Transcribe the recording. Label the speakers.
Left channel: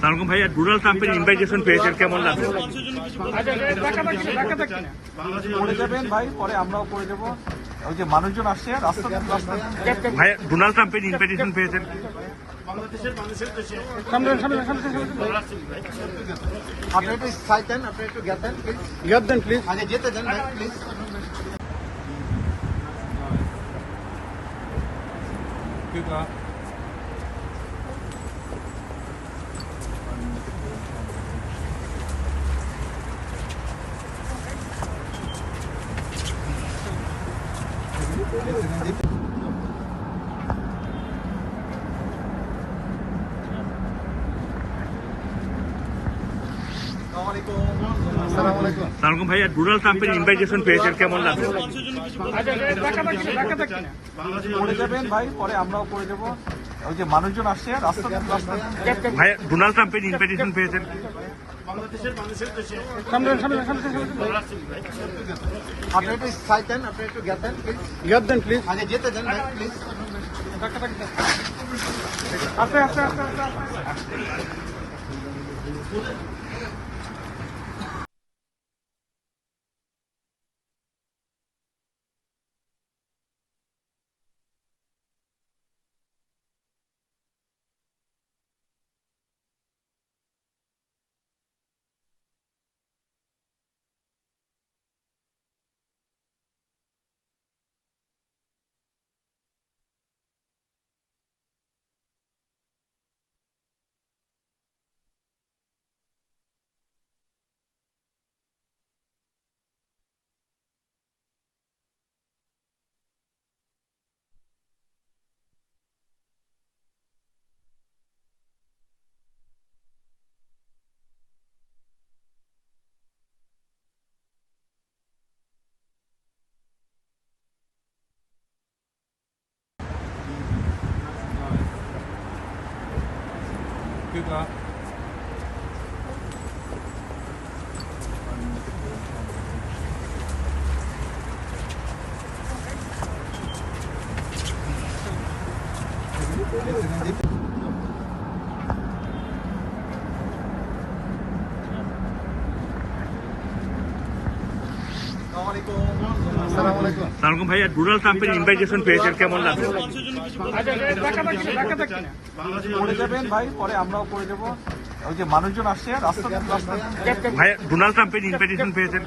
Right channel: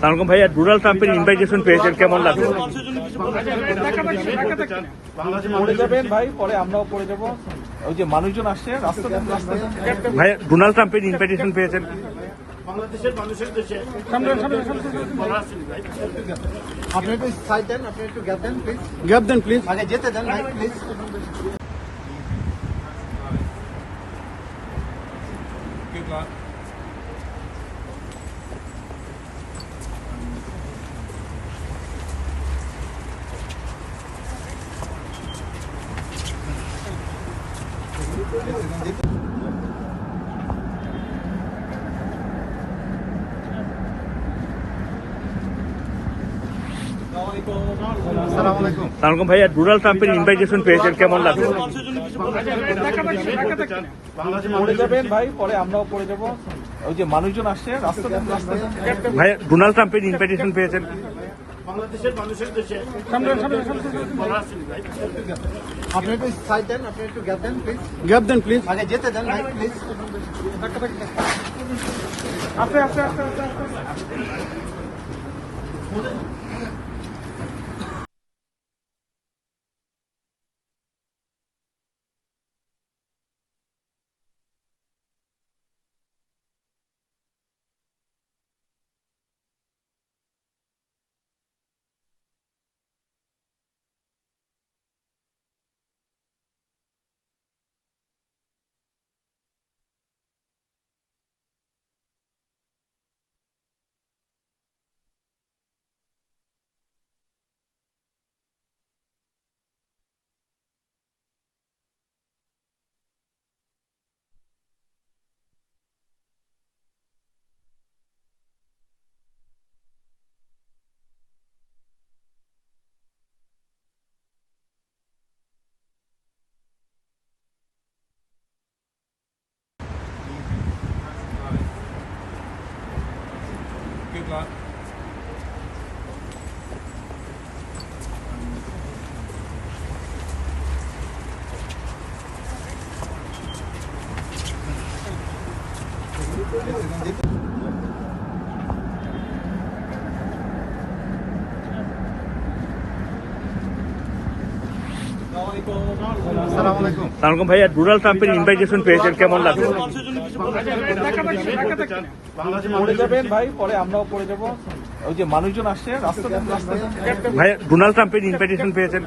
Speaker 1: সালামালাইকুম ভাইয়া ডোনাল্ড ট্রাম্পের ইনভাইটেশন পেয়েছেন কেমন লাগল?
Speaker 2: পড়ে যাবেন ভাই পরে আমরাও পড়ে যাব। ওই যে মানুষজন আসছে
Speaker 1: ভাই ডোনাল্ড ট্রাম্পের ইনভাইটেশন পেয়েছেন
Speaker 2: আপনি একটু সাইড দেন। আপনি একটু গ্যাপ দেন প্লিজ গ্যাপ দেন প্লিজ আগে যেতে দেন ভাই প্লিজ
Speaker 1: সালামালাইকুম ভাইয়া ডোনাল্ড ট্রাম্পের ইনভাইটেশন পেয়েছেন কেমন লাগল?
Speaker 2: পড়ে যাবেন ভাই পরে আমরাও পড়ে যাব। ওই যে মানুষজন আসছে
Speaker 1: ভাই ডোনাল্ড ট্রাম্পের ইনভাইটেশন পেয়েছেন।
Speaker 2: আপনি একটু সাইড দেন আপনি একটু গ্যাপ দেন প্লিজ গ্যাপ দেন প্লিজ আগে যেতে দেন ভাই প্লিজ Good luck. Gracias.
Speaker 1: সালামালাইকুম ভাইয়া ডোনাল্ড ট্রাম্পের ইনভাইটেশন পেয়েছেন কেমন লাগল?
Speaker 2: পড়ে যাবেন ভাই পরে আমরাও পড়ে যাব। ওই যে মানুষজন আসছে রাস্তা দেন রাস্তা
Speaker 1: ভাই ডোনাল্ড ট্রাম্পের ইনভাইটেশন পেয়েছেন।